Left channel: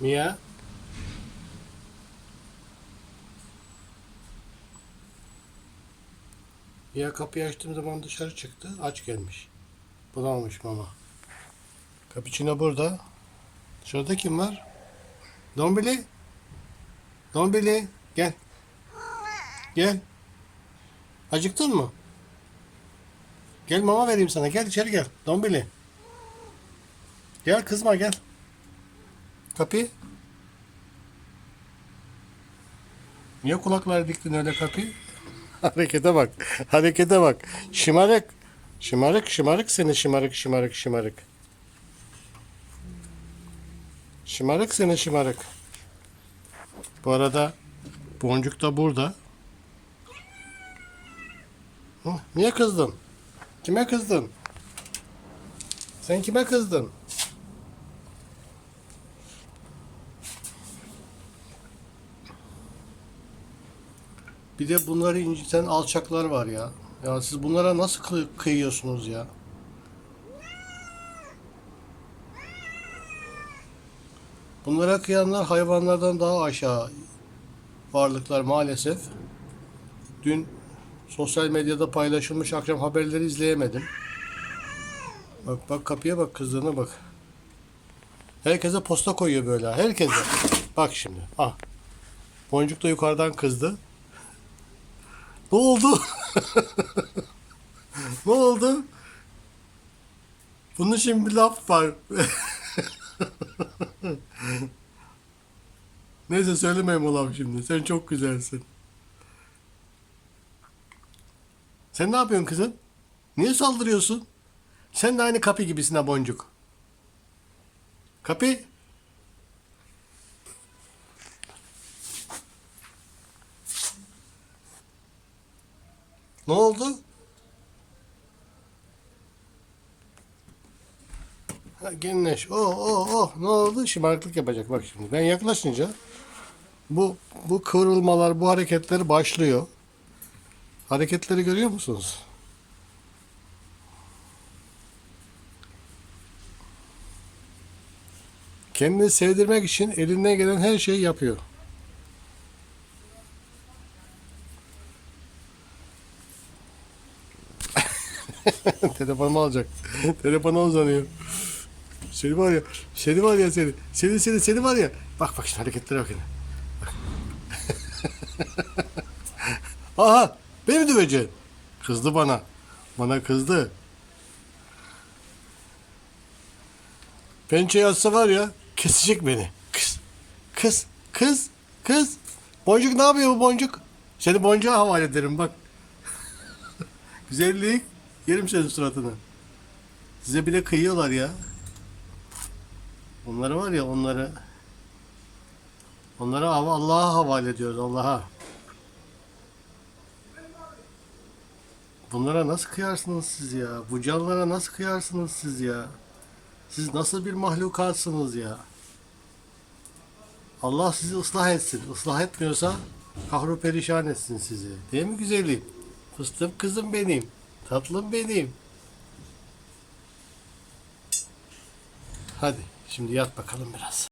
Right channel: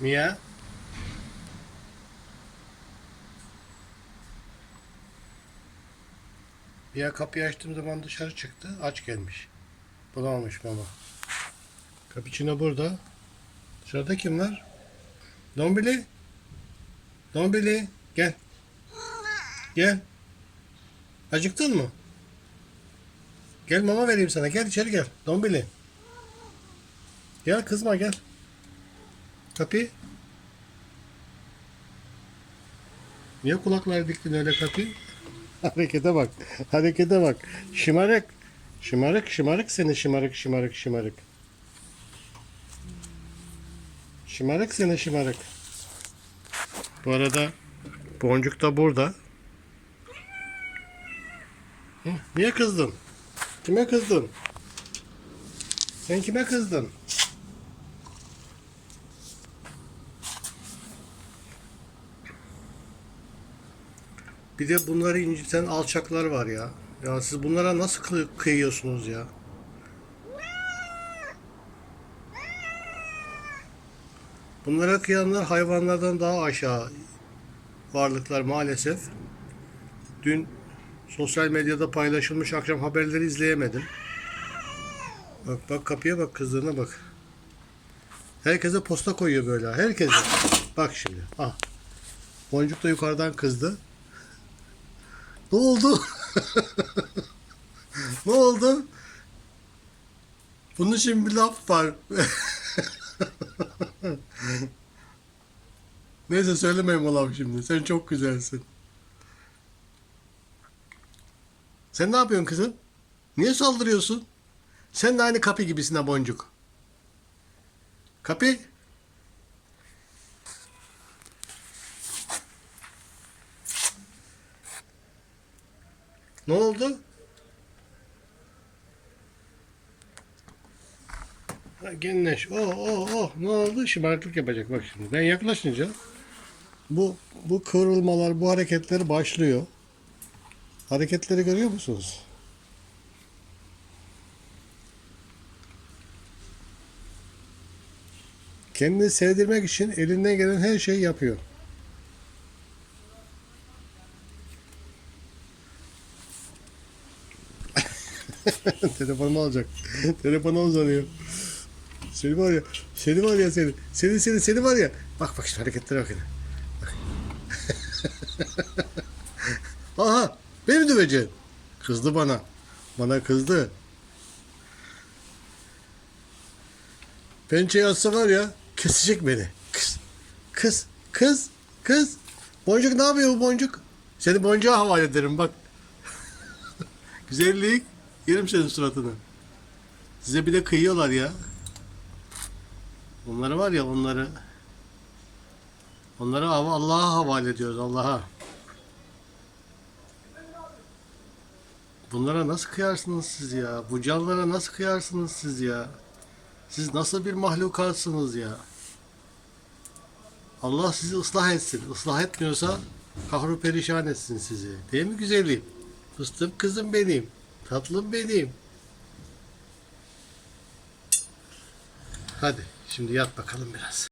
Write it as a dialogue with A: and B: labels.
A: Mia. Mia kapıyı açtığım zaman dışarı çıktı. Aç gelmiş. Bulamamış mama. Cappuccino burada. Dışarıda kim var? Dombili. Dombili. Gel. Gel. Acıktın mı? Gel mama vereyim sana. Gel içeri gel. Dombili. Gel kızma gel. Kapı. Niye kulakları diktin öyle kapı? Harekete bak. Harekete bak. Şımarık. Şımarık şımarık seni şımarık şımarık şımarık. Şımarık seni şımarık. Bu arada boncuk da burada. Niye kızdın? Kime kızdın? Sen kime kızdın? Bir de bunları inciten alçaklar var ya. Ya siz bunlara nasıl kıy- kıyıyorsunuz ya? Bunlara kıyanlar hayvanlardan daha aşağı varlıklar maalesef. Dün sosyal medyada paylaşılmış akşam haberleri izleyemedim. Bak bak kapıya bak kızdığına bak. Herkese posta koyuyor böyle. Herkese. Bak şimdi. Ah. Boncuk da yukarıdan kızdı. Ne oldu? ne oldu? Bunun için bir laf var. Neyse söylemeyeyim o şimdi. Sen çok güzelsin. Sen ne yapıyorsun kızım? Niye saldırıyorsun? Sen de aynı kapı gibisin ha boncuk. Kapı. Ne oldu? Ha, Genleş. Oh oh oh. Ne oldu? Şımarıklık yapacak bak şimdi. Ben yaklaşınca bu bu kıvrılmalar, bu hareketler başlıyor. Hareketleri görüyor musunuz? Kendini sevdirmek için elinden gelen her şeyi yapıyor. Telefonumu alacak. Telefonu uzanıyor. Seni var ya, seni var ya seni. Seni seni seni var ya. Bak bak şimdi hareketlere bakın. Bak. Aha, beni döveceksin? Kızdı bana. Bana kızdı. Pençeyi atsa var ya, kesecek beni. Kız, kız, kız, kız. Boncuk ne yapıyor bu boncuk? Seni boncuğa havale ederim bak. Güzellik. Yerim senin suratını. Size bir de kıyıyorlar ya. Onları var ya onları. Onları Allah'a havale ediyoruz Allah'a. Bunlara nasıl kıyarsınız siz ya? Bu canlara nasıl kıyarsınız siz ya? Siz nasıl bir mahlukatsınız ya? Allah sizi ıslah etsin. Islah etmiyorsa kahru perişan etsin sizi. Değil mi güzelim? Fıstığım kızım benim. Tatlım benim. Hadi şimdi yat bakalım biraz.